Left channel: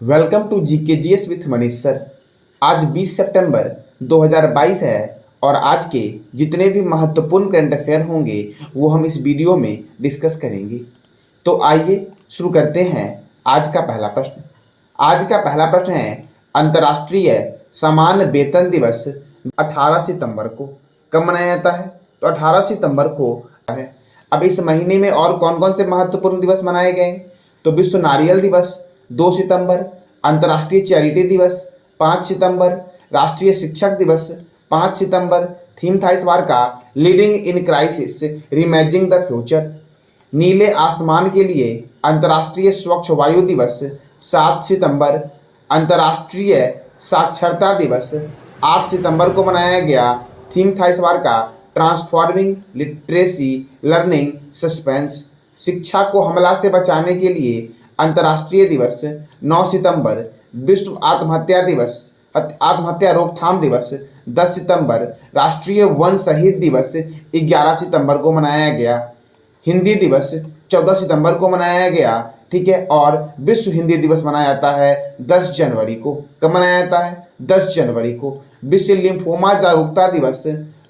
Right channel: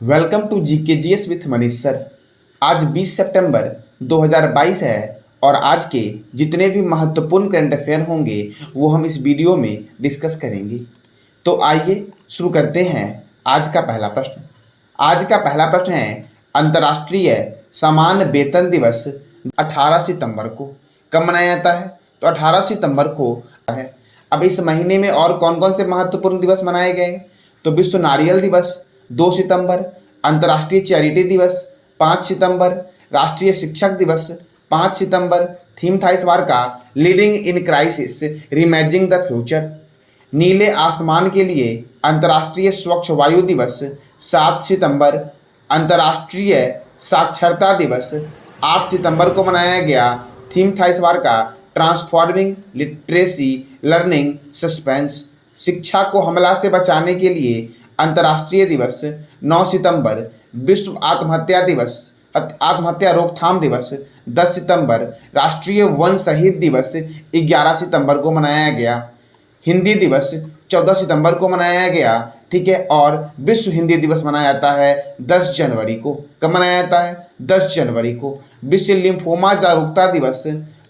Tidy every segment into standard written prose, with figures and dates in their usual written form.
Welcome to GKGS with Manish sir. आज 20 सितंबर 2022 है और आज के जितने भी महत्वपूर्ण करंट अफेयर होंगे वो हम इस वीडियो में डिस्कस करेंगे। तो आइए शुरू करते हैं। आज का पहला प्रश्न है अंतर्राष्ट्रीय समान वेतन दिवस 18 सितंबर को कब मनाया जाता है? तो 18 सितंबर को है। अब इस महीने में और कौन कौन से महत्वपूर्ण दिवस मनाए गए? तो विश्व नारियल दिवस 2 सितंबर, अंतर्राष्ट्रीय चैरिटी दिवस 5 सितंबर, राष्ट्रीय शिक्षक दिवस 5 सितंबर। थीम था इस बार का leading in crisis reimagining the future. नीले आसमान के लिए अंतर्राष्ट्रीय स्वच्छ वायु दिवस 7 सितंबर। अंतर्राष्ट्रीय साक्षरता दिवस 8 सितंबर को मनाया गया। थीम था इस बार का ट्रांसफॉर्मिंग लिटरेसी लर्निंग सस्पेंस। शिक्षा को हमला से बचाने के लिए अंतर्राष्ट्रीय दिवस 9 सितंबर। विश्व आत्महत्या रोकथाम दिवस 10 सितंबर। राष्ट्रीय वन शहीद दिवस 11 सितंबर को मनाया गया। हिंदी दिवस 14 सितंबर को मनाया गया। ठीक है, और विश्व हिंदी दिवस मनाया जाता है 10 जनवरी को। कब मनाया जाता है? 10 जनवरी को। विश्व लिम्फोमा जागरूकता दिवस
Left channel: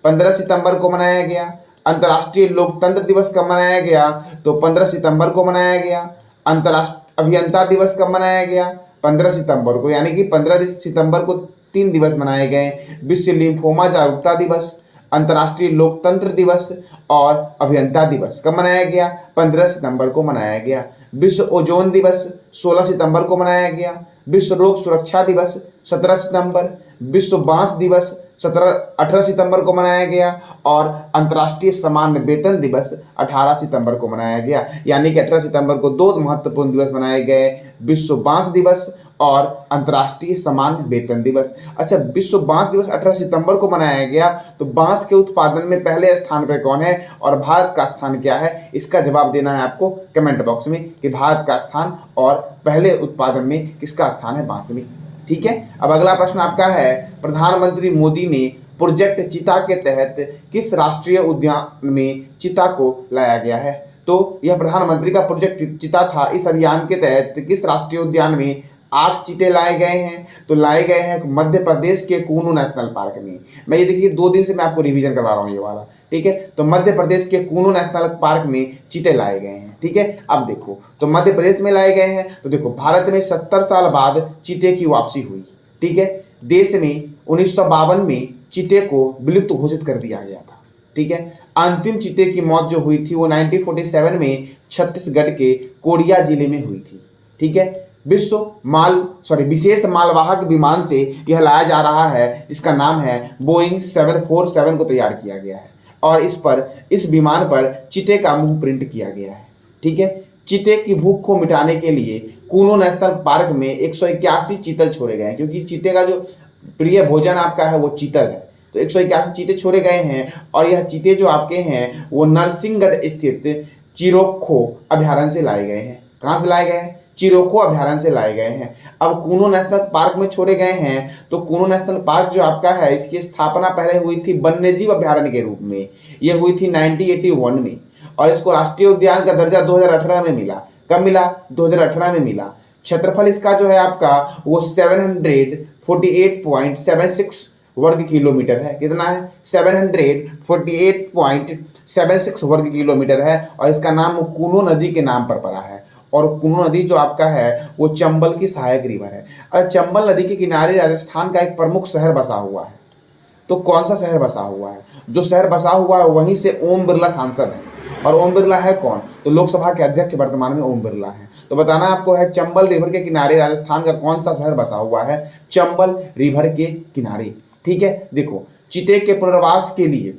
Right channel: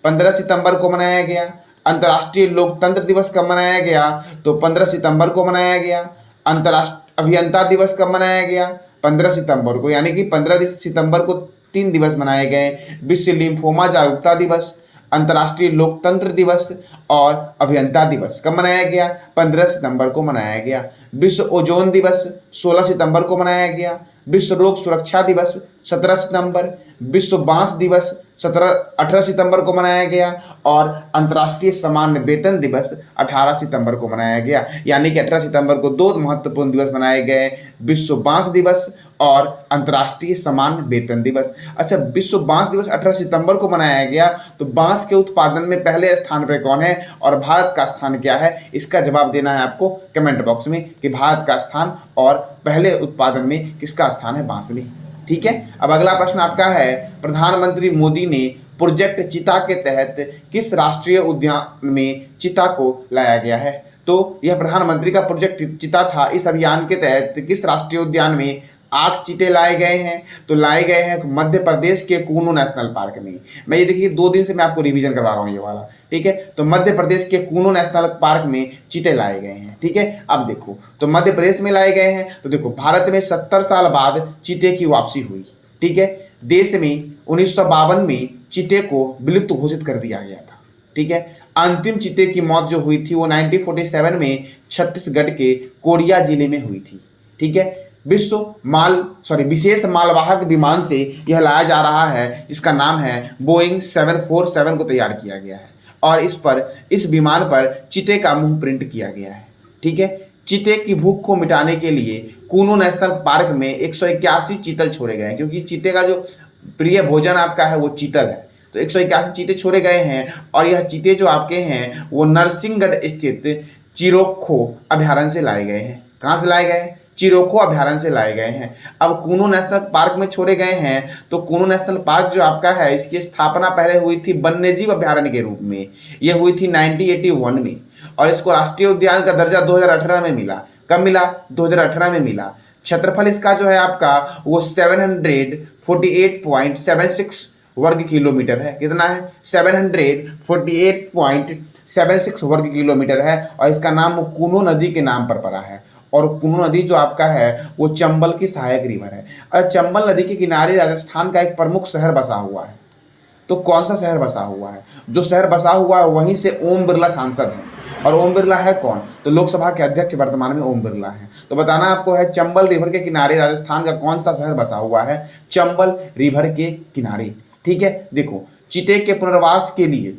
15 सितंबर को मनाया गया। अंतर्राष्ट्रीय लोकतंत्र दिवस कब मनाया गया? तो 15 सितंबर को मनाया गया। अंतर्राष्ट्रीय अभियंता दिवस कब मनाया गया? 15 सितंबर को, यानी कि 15 सितंबर को 3 दिवस मनाए गए। विश्व लिम्फोमा जागरूकता दिवस, अंतर्राष्ट्रीय लोकतंत्र दिवस और अभियंता दिवस कब मनाया गया? 15 सितंबर को मनाया गया। विश्व ओजोन दिवस 16 सितंबर को मनाया गया। विश्व रोग सुरक्षा दिवस 17 सितंबर। विश्व बांस दिवस 18 सितंबर को मनाया गया और अंतर्राष्ट्रीय समान वेतन दिवस 18 सितंबर को मनाया गया। यानी कि 18 सितंबर को 2 महत्वपूर्ण दिवस मनाए गए, विश्व बांस दिवस और अंतर्राष्ट्रीय समान वेतन दिवस। अच्छा, विश्व बांस दिवस 18 सितंबर को मनाया गया, तो बांस के उत्पादन में पहले स्थान पर कौन है और भारत का स्थान क्या है? इसका जवाब देना है आपको कमेंट बॉक्स में कि भारत का स्थान और पहले उत्पादन में किसका स्थान है बांस में। ठीक है, अब अगला प्रश्न आपका है प्रधानमंत्री मोदी ने प्रोजेक्ट चीता के तहत किस राष्ट्रीय उद्यान में चीता को लाया गया है? तो यह प्रधानमंत्री का प्रोजेक्ट चीता था। इस अभियान के तहत किस राष्ट्रीय उद्यान में 8 चीते लाए गए हैं? तो लाए गए हैं मध्य प्रदेश के कूनू नेशनल पार्क में। मैं ये देखिए 2 दिन से मैं आपको रिवीजन करवा रहा हूँ ये वाला। ठीक है, तो मध्य प्रदेश के कूनू नेशनल पार्क में चीते लाए गए हैं। ठीक है, अब देखो तो मध्य प्रदेश में लाए गए हैं, तो देखो भारत में 70 साल बाद चीते की वापसी हुई। ठीक है, देश में 1952 में चीते को विलुप्त घोषित कर दिया गया था। ठीक है, अंतिम चीते की मौत जो हुई थी वो 1947 में छत्तीसगढ़ के कोरिया जिले में हुई थी। ठीक है, विशेष मालवाहक विमान से यह लाया जा रहा है जिसका नाम है बोइंग 747 को तैयार किया गया है और इस विमान पर चीते का मुंह प्रिंट किया गया है। ठीक है, चीते की भूख को मिटाने के लिए कूनू नेशनल पार्क में 181 चीतल छोड़े गए हैं, क्योंकि चीते का जो प्रिय भोजन आपका है वो चीतल है। तो 181 चीते छोड़े गए हैं और यह चीते जो आपके हैं वो नरसिंहगढ़ स्थित चिरोखो अभ्यारण्य से लाए गए हैं। कहाँ से लाए गए हैं? चिरोखो अभ्यारण्य से लाए गए हैं। अब कूनू नेशनल पार्क में छोड़े गए हैं, तो कूनू नेशनल पार्क जो आपका है इसकी स्थापना पहले हुई थी वन्यजीव अभ्यारण्य के रूप में। यह हुई थी 1981 में और इसको राष्ट्रीय उद्यान का दर्जा 2018 में मिला। कब मिला? 2018 में मिला। क्षेत्रफल इसका जो है आपका वो 748.76 वर्ग किलोमीटर है। कितना है? 748.76 वर्ग किलोमीटर है और इसका नाम कूनू नदी के नाम पर पड़ा है। और कूनू नदी जो आपका है वो चंबल की सहायक रिवर है और चंबल नदी के किनारे राजस्थान का एक प्रमुख शहर बसा हुआ है। तो कौन सा शहर बसा हुआ है? जो शहर बसा हुआ है वहीं से ओम बिरला सांसद है। और ओम बिरला है कौन? तो लोकसभा के अध्यक्ष वर्तमान में ओम बिरला है। तो बताना आपको है चंबल रिवर के किनारे राजस्थान का कौन सा शहर बसा हुआ है? चंबल रिवर के किनारे। ठीक है, देखो चीते के पुनर्वास के लिए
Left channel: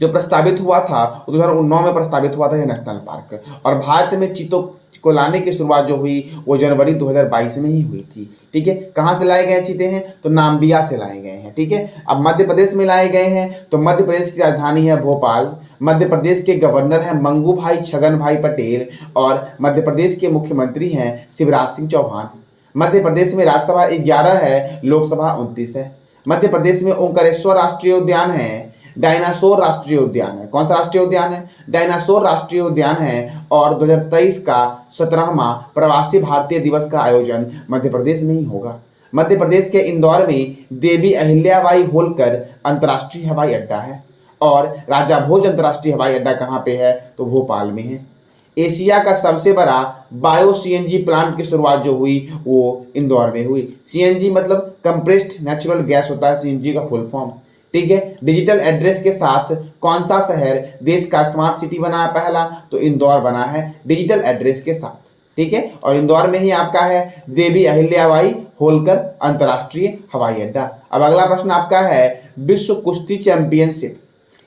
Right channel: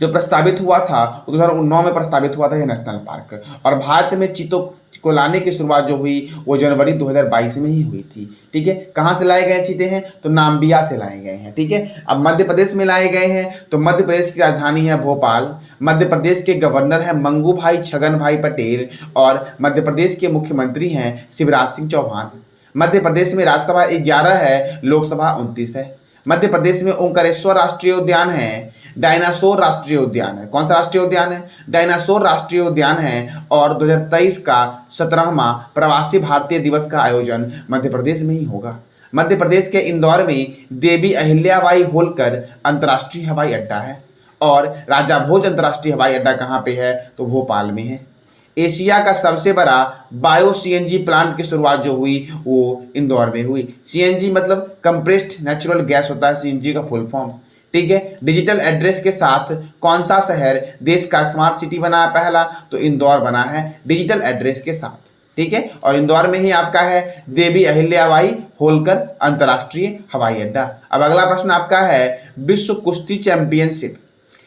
जो प्रस्तावित हुआ था 2009 में प्रस्तावित हुआ था यह नेशनल पार्क, और भारत में चीतों को लाने की शुरुआत जो हुई वो जनवरी 2022 में ही हुई थी। ठीक है, कहाँ से लाए गए चीते हैं? तो नाम्बिया से लाए गए हैं। ठीक है, अब मध्य प्रदेश में लाए गए हैं, तो मध्य प्रदेश की राजधानी है भोपाल। मध्य प्रदेश के गवर्नर हैं मंगू भाई छगन भाई पटेल और मध्य प्रदेश के मुख्यमंत्री हैं शिवराज सिंह चौहान। मध्य प्रदेश में राज्यसभा 11 है, लोकसभा 29 है। मध्य प्रदेश में ओंकारेश्वर राष्ट्रीय उद्यान है, डायनासोर राष्ट्रीय उद्यान है। कौन सा राष्ट्रीय उद्यान है? डायनासोर राष्ट्रीय उद्यान है। और 2023 का 17वां प्रवासी भारतीय दिवस का आयोजन मध्य प्रदेश में ही होगा। मध्य प्रदेश के इंदौर में देवी अहिल्याबाई होलकर अंतर्राष्ट्रीय हवाई अड्डा है। और राजा भोज अंतर्राष्ट्रीय हवाई अड्डा कहाँ पे है? तो भोपाल में है। एशिया का सबसे बड़ा बायो सीएनजी प्लांट की शुरुआत जो हुई वो इंदौर में हुई। सीएनजी मतलब कंप्रेस्ड नेचुरल गैस होता है, सीएनजी का फुल फॉर्म। ठीक है। डिजिटल एड्रेस के साथ कौन सा शहर देश का स्मार्ट सिटी बना है पहला? तो इंदौर बना है डिजिटल एड्रेस के साथ। ठीक है। और इंदौर में ही आपका है देवी अहिल्याबाई होलकर अंतर्राष्ट्रीय हवाई अड्डा। अब अगला प्रश्न आपका है विश्व कुश्ती चैंपियनशिप।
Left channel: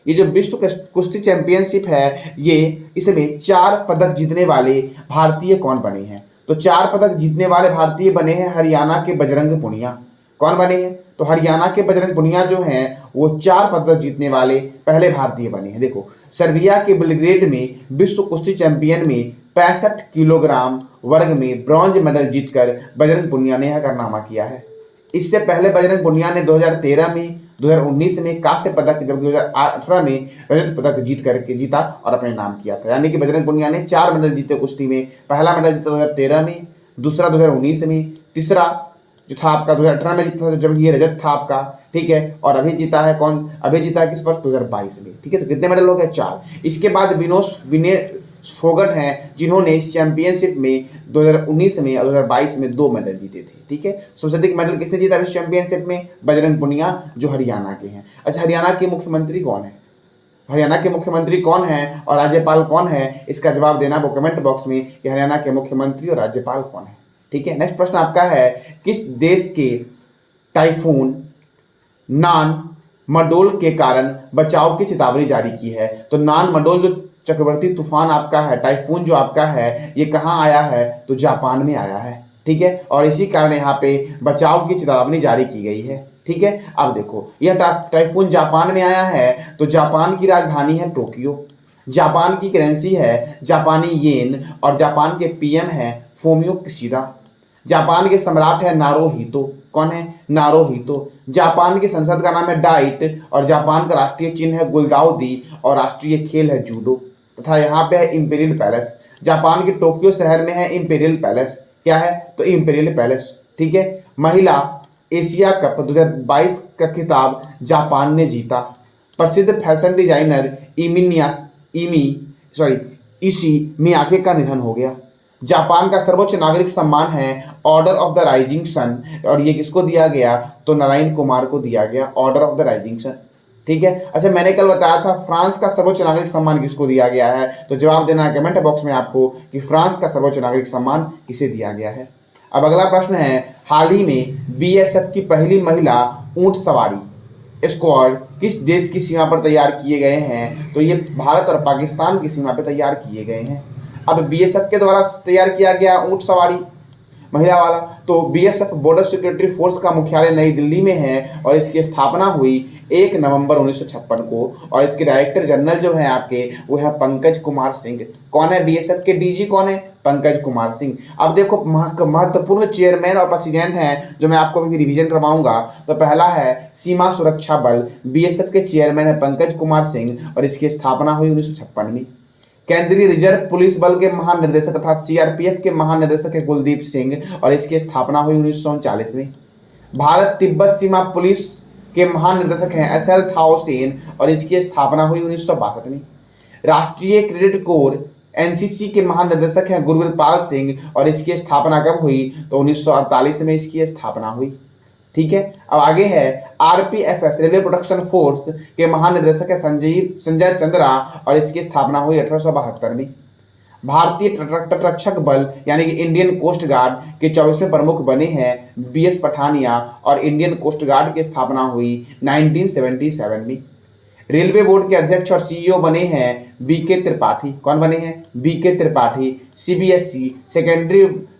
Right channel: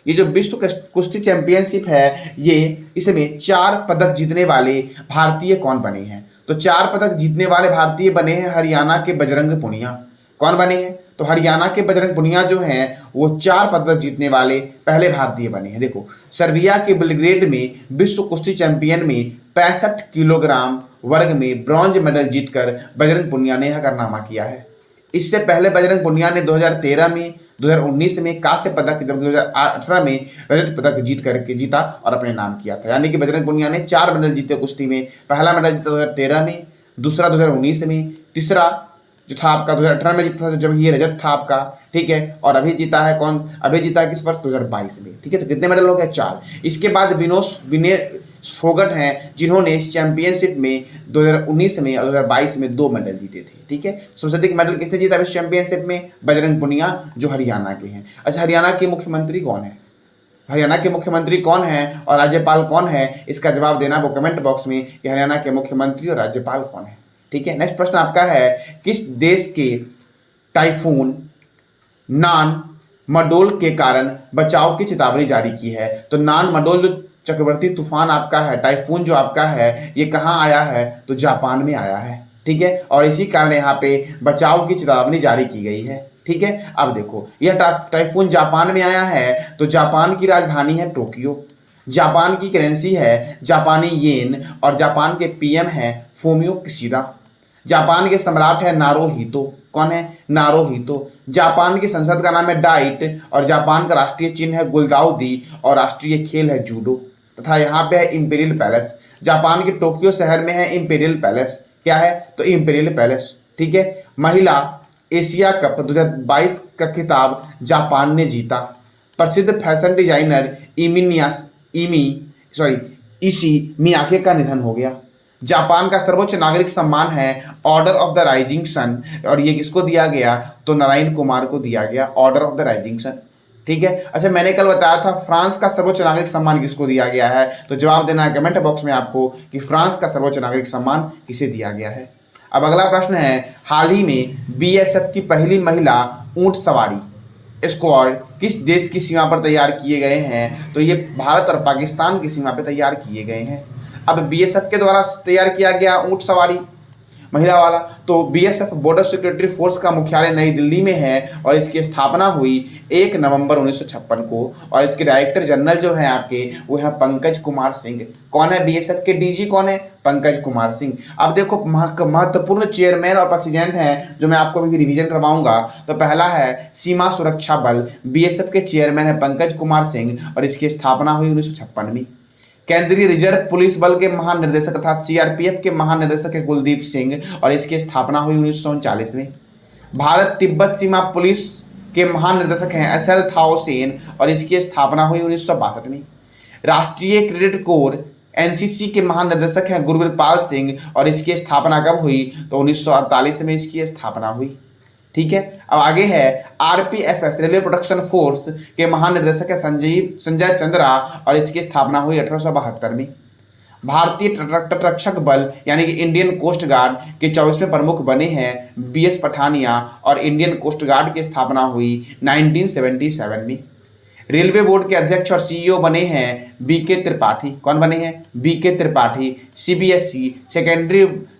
ये जो विश्व कुश्ती चैंपियनशिप है ये इसमें 4 पदक जीतने वाले भारतीय कौन बने हैं? तो 4 पदक जीतने वाले भारतीय बने हैं हरियाणा के बजरंग पुनिया। कौन बने हैं? तो हरियाणा के बजरंग पुनिया जो हैं वो 4 पदक जीतने वाले पहले भारतीय बने हैं। देखो, सर्बिया के बेलग्रेड में विश्व कुश्ती चैंपियन में 65 किलोग्राम वर्ग में ब्रॉन्ज मेडल जीतकर बजरंग पुनिया ने यह कारनामा किया है। इससे पहले बजरंग पुनिया ने 2013 में, 2019 में कांस्य पदक, जबकि 2018 में रजत पदक जीता और अपने नाम किया था। यानी कि बजरंग पुनिया ने 4 मेडल जीते कुश्ती में। पहला मेडल जीता 2013 में, दूसरा 2019 में, तीसरा जो था आपका 2018 में जीता था, जब ये रजत था आपका। ठीक है। और अभी जीता है कौन? अभी जीता है किस वर्ष? 2022 में। ठीक है। तो कितने मेडल हो गए? 4। इसके बाद विनेश फोगट हैं जिन्होंने इस चैंपियनशिप में 2019 में और 2022 में 2 मेडल जीते थे। ठीक है। सबसे अधिक मेडल किसने जीता इस चैंपियनशिप में? बजरंग पुनिया, जो हरियाणा के हैं। अच्छा, हरियाणा के मुख्यमंत्री कौन है? हरियाणा के मुख्यमंत्री कौन है और राज्यपाल कौन है? इसका जवाब देना वो कमेंट बॉक्स में कि हरियाणा के मुख्यमंत्री और राज्यपाल कौन है। ठीक है। नेक्स्ट प्रश्न आपका है किस देश के टाइफून नान मडोल के कारण बचाव की चेतावनी जारी की है? तो नान मडोल जो चक्रवर्ती तूफान आपका है, टाइफून जो आपका है, ये कहाँ आया है? तो जापान में आया है। ठीक है। और इसी कारण यहाँ पे बचाव की चेतावनी जारी की गई है। ठीक है। अब देखो, यह टाइफून जापान में आया है तो जापान की राजधानी है टोक्यो, जापान की करेंसी है जापानी येन और जापान के पीएम है फोमियो किशिदा। जापान के सम्राट है नारोहितो। कौन है? नारोहितो। जापान की संसद का नाम है डाइट और जापान का राष्ट्रीय चिन्ह है गुलदाउदी और राष्ट्रीय खेल है जूडो। तथा यहाँ पे है इंपीरियल पैलेस। जापान के टोक्यो शहर में है इंपीरियल पैलेस। क्या है? तो इंपीरियल पैलेस। ठीक है। महिला एशिया कप 2022 का खिताब जापान ने जीता। प्रसिद्ध फैशन डिजाइनर इशी मियाके का निधन हो गया। जापान का सर्वोच्च नागरिक सम्मान है order of the rising sun और ये किसको दिया गया? तो नारायण कुमार को दिया गया order of the rising sun. ठीक है। अच्छा, मैंने कल बताया था फ्रांस का सर्वोच्च नागरिक सम्मान किसको दिया गया है? तो जवाब देना है कमेंट बॉक्स में आपको कि फ्रांस का सर्वोच्च नागरिक सम्मान किसे दिया गया है। अब अगला प्रश्न है हाल ही में बीएसएफ की पहली महिला ऊंट सवारी स्क्वाड किस देश की सीमा पर तैयार किए गए हैं? तो ये भारत और पाकिस्तान की सीमा पर तैयार किए गए हैं। अब बीएसएफ के द्वारा तैयार किया गया ऊंट सवारी महिला वाला, तो बीएसएफ बॉर्डर सिक्योरिटी फोर्स का मुख्यालय नई दिल्ली में है और इसकी स्थापना हुई 1 नवंबर 1956 को और इसके डायरेक्टर जनरल जो हैं आपके वो हैं पंकज कुमार सिंह। कौन है बीएसएफ के डीजी? कौन है? पंकज कुमार सिंह। अब देखो, महत्वपूर्ण चेयरमैन और प्रेसिडेंट हैं जो मैं आपको अभी रिवीजन करवाऊंगा। तो पहला है सीमा सुरक्षा बल, बीएसएफ के चेयरमैन है पंकज कुमार सिंह और इसकी स्थापना हुई 1956 में। केंद्रीय रिजर्व पुलिस बल के महानिदेशक अर्थात सीआरपीएफ के महानिदेशक है कुलदीप सिंह और इसकी स्थापना हुई 1939 में। भारत तिब्बत सीमा पुलिस के महानिदेशक हैं एसएल थाओ सेन और इसकी स्थापना हुई 1962 में। राष्ट्रीय क्रेडिट कोर एनसीसी के महानिदेशक हैं गुरवीरपाल सिंह और इसकी स्थापना कब हुई? तो 1948 में इसकी स्थापना हुई। ठीक है। अब आगे है आरपीएफएस रेलवे प्रोटेक्शन फोर्स के महानिदेशक है संजय चंद्रा और इसकी स्थापना हुई 1872 में। भारतीय तटरक्षक बल यानी कि इंडियन कोस्ट गार्ड के 24वें प्रमुख बने हैं बीएस पठानिया और इंडियन कोस्ट गार्ड की स्थापना हुई 1977 में। रेलवे बोर्ड के अध्यक्ष और सीईओ बने हैं बीके त्रिपाठी। कौन बने हैं? BK Tripathi. CBSE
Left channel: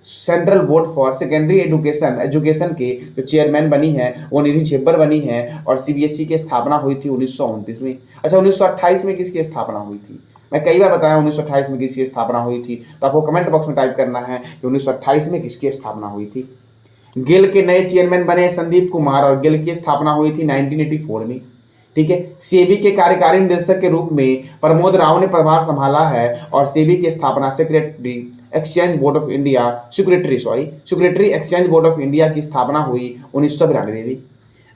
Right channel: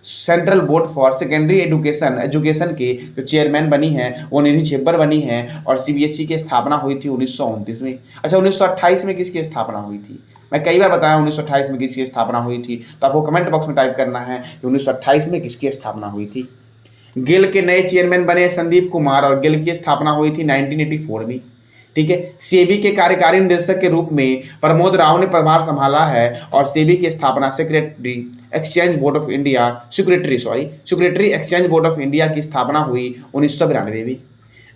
central board for secondary education के जो चेयरमैन बनी हैं वो निधि छेबर बनी हैं और सीबीएसई की स्थापना हुई थी 1929 में। अच्छा, 1928 में किसकी स्थापना हुई थी? मैं कई बार बताया 1928 में किसकी स्थापना हुई थी, तो आपको कमेंट बॉक्स में टाइप करना है कि 1928 में किसकी स्थापना हुई थी। गेल के नए चेयरमैन बने संदीप कुमार और गेल की स्थापना हुई थी 1984 में। ठीक है। सेबी के कार्यकारी निदेशक के रूप में प्रमोद राव ने पदभार संभाला है और सेबी की स्थापना security exchange board of India security exchange board of India की स्थापना हुई 1992 में।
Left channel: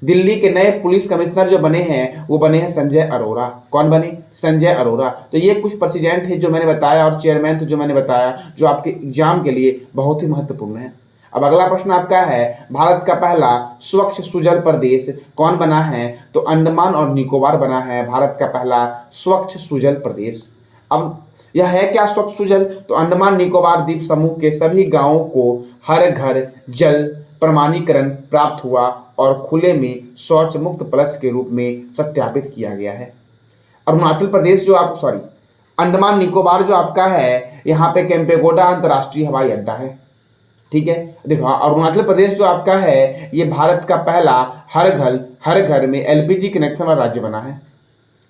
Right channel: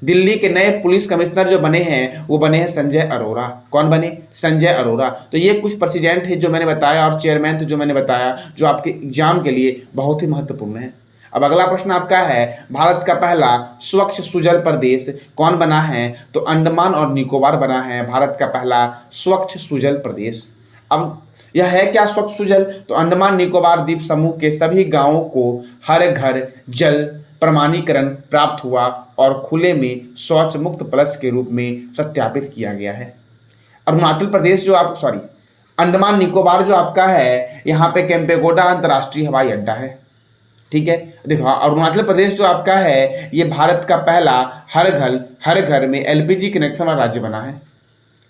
दिल्ली के नए पुलिस कमिश्नर जो बने हैं वो बने हैं संजय अरोरा। कौन बने? संजय अरोरा। तो ये कुछ प्रेसिडेंट है जो मैंने बताया और चेयरमैन थे जो मैंने बताया, जो आपके एग्जाम के लिए बहुत ही महत्वपूर्ण है। अब अगला प्रश्न आपका है, भारत का पहला स्वच्छ सुजल प्रदेश कौन बना है? तो अंडमान और निकोबार बना है भारत का पहला स्वच्छ सुजल प्रदेश। अब यह है क्या स्वच्छ सुजल? तो अंडमान निकोबार द्वीप समूह के सभी गांवों को हर घर जल प्रमाणीकरण प्राप्त हुआ और खुले में शौच मुक्त प्लस के रूप में सत्यापित किया गया है। अरुणाचल प्रदेश जो आप अंडमान निकोबार जो आपका है, यहाँ पे केम्पेगौड़ा अंतर्राष्ट्रीय हवाई अड्डा है। ठीक है, देखो अरुणाचल प्रदेश जो आपका है ये भारत का पहला हर घर में एलपीजी कनेक्शन वाला राज्य बना है।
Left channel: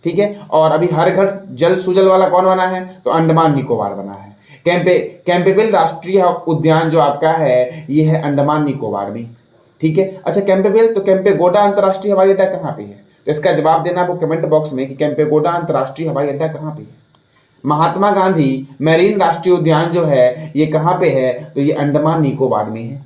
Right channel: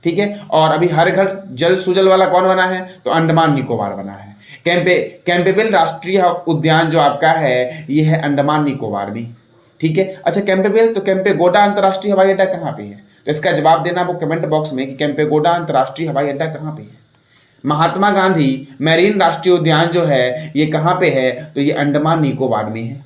ठीक है, और अभी हर घर जल सुजल वाला कौन बना है? तो अंडमान निकोबार बना है। कैंपेबेल राष्ट्रीय उद्यान जो आपका है ये है अंडमान निकोबार में। ठीक है, अच्छा कैंपेबेल तो केम्पेगौड़ा अंतर्राष्ट्रीय हवाई अड्डा कहाँ पे है? तो इसका जवाब देना आपको कमेंट बॉक्स में कि केम्पेगौड़ा अंतर्राष्ट्रीय हवाई अड्डा कहाँ पे है। महात्मा गांधी मैरीन राष्ट्रीय उद्यान जो है ये कहाँ पे है? तो ये अंडमान निकोबार में है।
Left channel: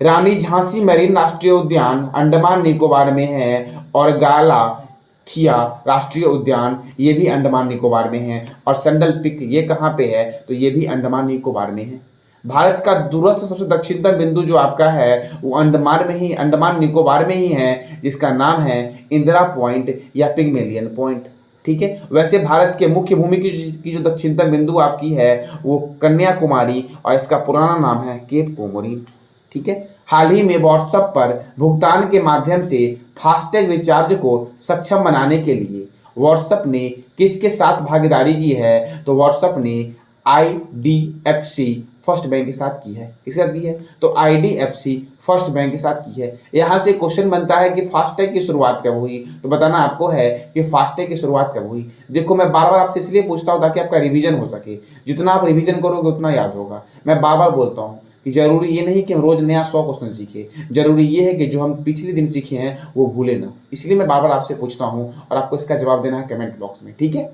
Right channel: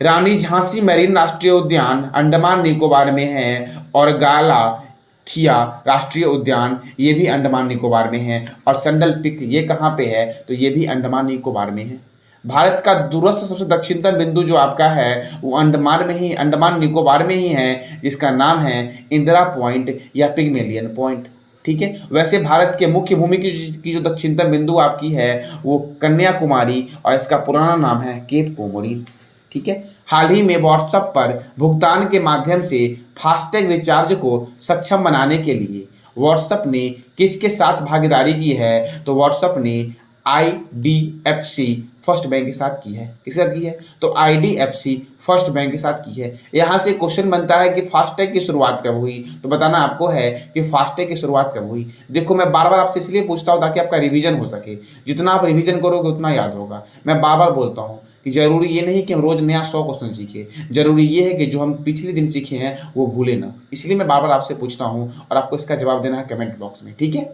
रानी झांसी मैरीन राष्ट्रीय उद्यान अंडमान निकोबार में है और गालाथिया राष्ट्रीय उद्यान ये भी अंडमान निकोबार में है। और संडल पिक ये कहाँ पे है? तो ये भी अंडमान निकोबार में है। भारत का दूरस्थ सबसे दक्षिणतम बिंदु जो आपका है वो अंडमान निकोबार में ही है, जिसका नाम है इंदिरा पॉइंट या पिग्मेलियन पॉइंट। ठीक है, वैसे भारत के मुख्य भूमि की जो दक्षिणतम बिंदु आपकी है वो कन्याकुमारी और इसका पुराना नाम है केप कोमोरिन। ठीक है, हाल ही में व्हाट्सएप पर भुगतान के माध्यम से फास्टैग रिचार्ज को सक्षम बनाने के लिए व्हाट्सएप ने किसके साथ भागीदारी की है? तो व्हाट्सएप ने IDFC फर्स्ट बैंक के साथ की है। किसके साथ की है? तो IDFC फर्स्ट बैंक के साथ की है। यहाँ से क्वेश्चन बनता है कि फास्टैग की शुरुआत कब हुई? तो बताना आपको है कि फास्टैग की शुरुआत कब हुई। देखो मैं बार बार आपसे इसलिए पूछता हूँ ताकि आपका रिवीजन हो सके। जितना आप रिवीजन करोगे उतना याद होगा। मैं बार बार बोलता हूँ कि जरूरी ये नहीं कि हम रोज नया 100 क्वेश्चन सीखें, जरूरी ये है कि जो हम पिछले दिन सीखे हैं वो भूले ना। इसलिए मैं बार बार आपसे पूछता हूँ और आपको इसका जवाब देना है कमेंट बॉक्स में। ठीक है,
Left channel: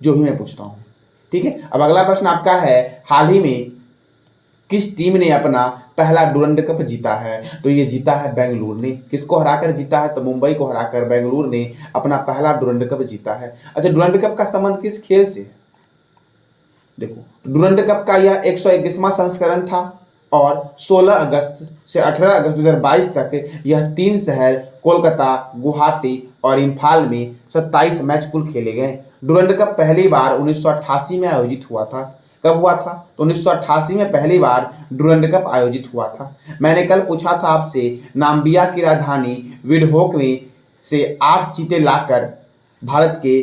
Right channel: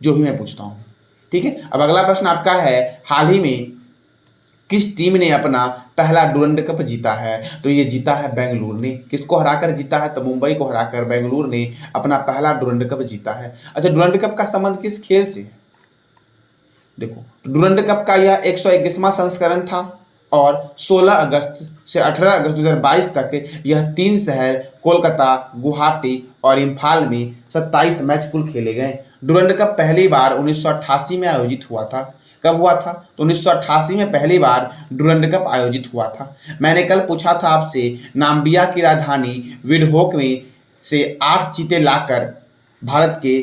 जो भी मैं पूछता हूँ। ठीक है, अब अगला प्रश्न आपका है, हाल ही में किस टीम ने अपना पहला डुरंड कप जीता है? तो ये जीता है बेंगलुरु ने। किसको हराकर जीता है? तो मुंबई को हराकर बेंगलुरु ने अपना पहला डुरंड कप जीता है। अच्छा, डुरंड कप का संबंध किस खेल से? देखो डुरंड कप का यह 121वां संस्करण था और 16 अगस्त से 18 अगस्त 2022 तक यह 3 शहर कोलकाता, गुवाहाटी और इम्फाल में 27 मैच कुल खेले गए। डुरंड कप पहली बार 1988 में आयोजित हुआ था। कब हुआ था? तो 1988 में पहली बार डुरंड कप आयोजित हुआ था। मैंने कल पूछा था आपसे, नाम्बिया की राजधानी विंडहोक में से 8 चीते लाकर भारत के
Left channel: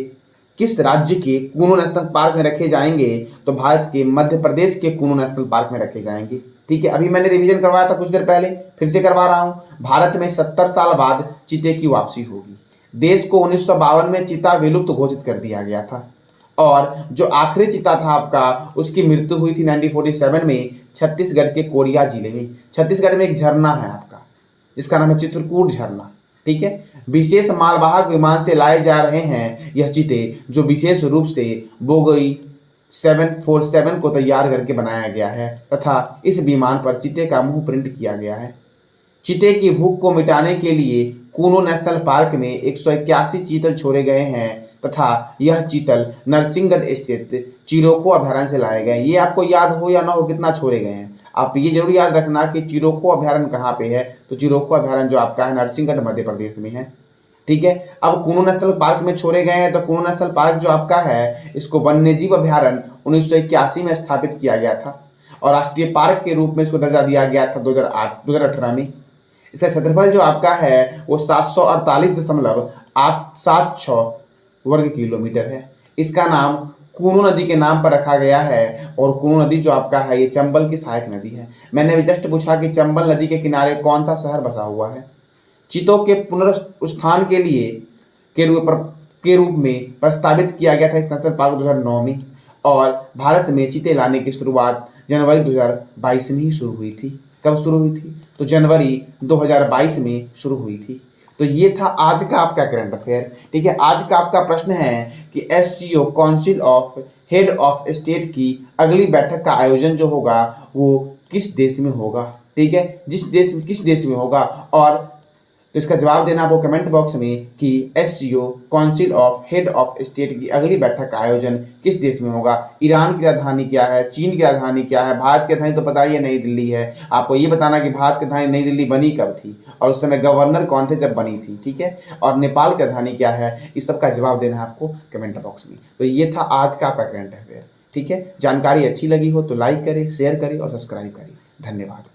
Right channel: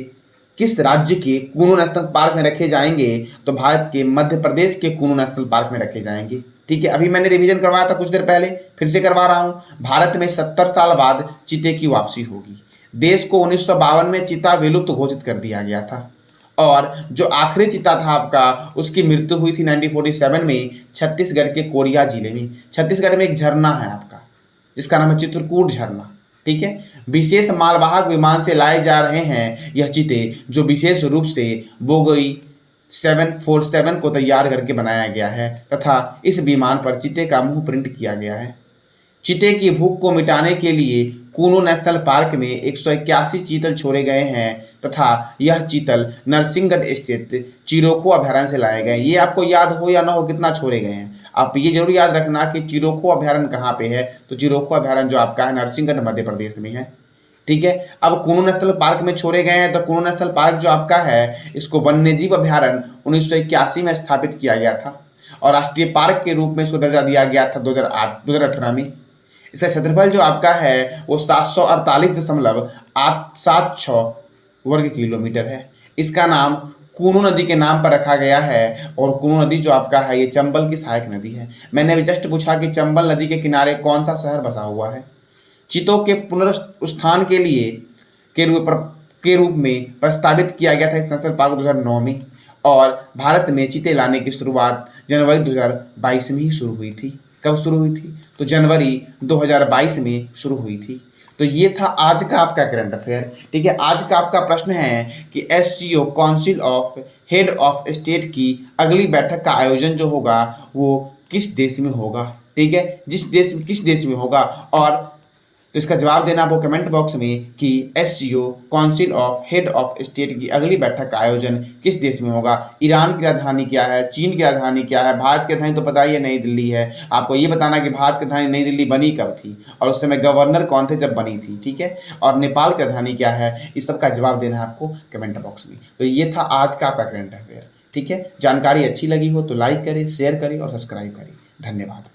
किस राज्य के कूनू नेशनल पार्क में रखे जाएंगे? तो भारत के मध्य प्रदेश के कूनू नेशनल पार्क में रखे जाएंगे। ठीक है, अभी मैंने रिवीजन करवाया था कुछ देर पहले, फिर से करवा रहा हूँ। भारत में 70 साल बाद चीते की वापसी होगी। देश को 1952 में चीता विलुप्त घोषित कर दिया गया था और जो आखिरी चीता था आपका उसकी मृत्यु हुई थी 1947 में छत्तीसगढ़ के कोरिया जिले में। छत्तीसगढ़ में एक झरना है आपका जिसका नाम है चित्रकूट झरना। ठीक है, विशेष मालवाहक विमान से लाए जा रहे हैं यह चीते, जो विशेष रूप से बोगई 747 को तैयार करके बनाया गया है तथा इस विमान पर चीते का मुंह प्रिंट किया गया है। चीते की भूख को मिटाने के लिए कूनू नेशनल पार्क में 181 चीतल छोड़े गए हैं तथा यह चीतल नरसिंहगढ़ स्थित चिरोको अभयारण्य से लाए गए। ये आपको याद हो या ना हो कितना छोड़े गए हैं, आप ये जरूर याद रखना कि चिरोको अभयारण्य कहाँ पे है। तो चिरोको अभयारण्य जो आपका है नरसिंहगढ़ मध्य प्रदेश में है। ठीक है, अब कूनू नेशनल पार्क में छोड़े गए हैं तो कूनू नेशनल पार्क जो आपका है इसको वन्यजीव अभयारण्य 1981 में स्थापित किया गया था और राष्ट्रीय पार्क के रूप में इसको दर्जा दिया गया था 2018 में। इसका क्षेत्रफल जो आपका है वो 748.876 वर्ग किलोमीटर है। इसका नाम कूनू नदी के नाम पर रखा गया है और कूनू नदी जो आपका है ये चंबल की सहायक नदी है। मैंने अभी जस्ट पूछा कि चंबल नदी के किनारे कौन सा शहर बसा हुआ है। चीतों के पुनरुत्थान के रूप में प्रस्तावित किया गया था इस नेशनल पार्क 2009 में और भारत में चीते लाने की शुरुआत जनवरी 2022 में ही शुरू हुई थी। कब शुरू हुई थी? तो जनवरी 2022 में शुरू हुई थी। तो ये था आज का आपका करंट अफेयर। ठीक है, आज का आपका प्रश्न है कि SCO council of head of state की अगली बैठक का आयोजन जो होगा वो किस देश में होगा। ठीक है, किस देश में होगा, और तो इसका जवाब देना आपको कमेंट बॉक्स में कि SCO council of head of state की अगली बैठक का आयोजन किस देश में होगा। ईरान की राजधानी क्या है, चीन की राजधानी क्या है, भारत की राजधानी तो पता ही है नई दिल्ली है। आपको ये बताना कि भारत की राजधानी नई दिल्ली बनी कब थी और उस समय गवर्नर कौन थे जब बनी थी। ठीक है, और नेपाल की राजधानी क्या है, इस सब का जवाब देना है आपको कमेंट बॉक्स में। तो ये था आज का आपका करंट अफेयर। ठीक है, जानकारी अच्छी लगी हो तो लाइक करें, शेयर करें और सब्सक्राइब करें। धन्यवाद।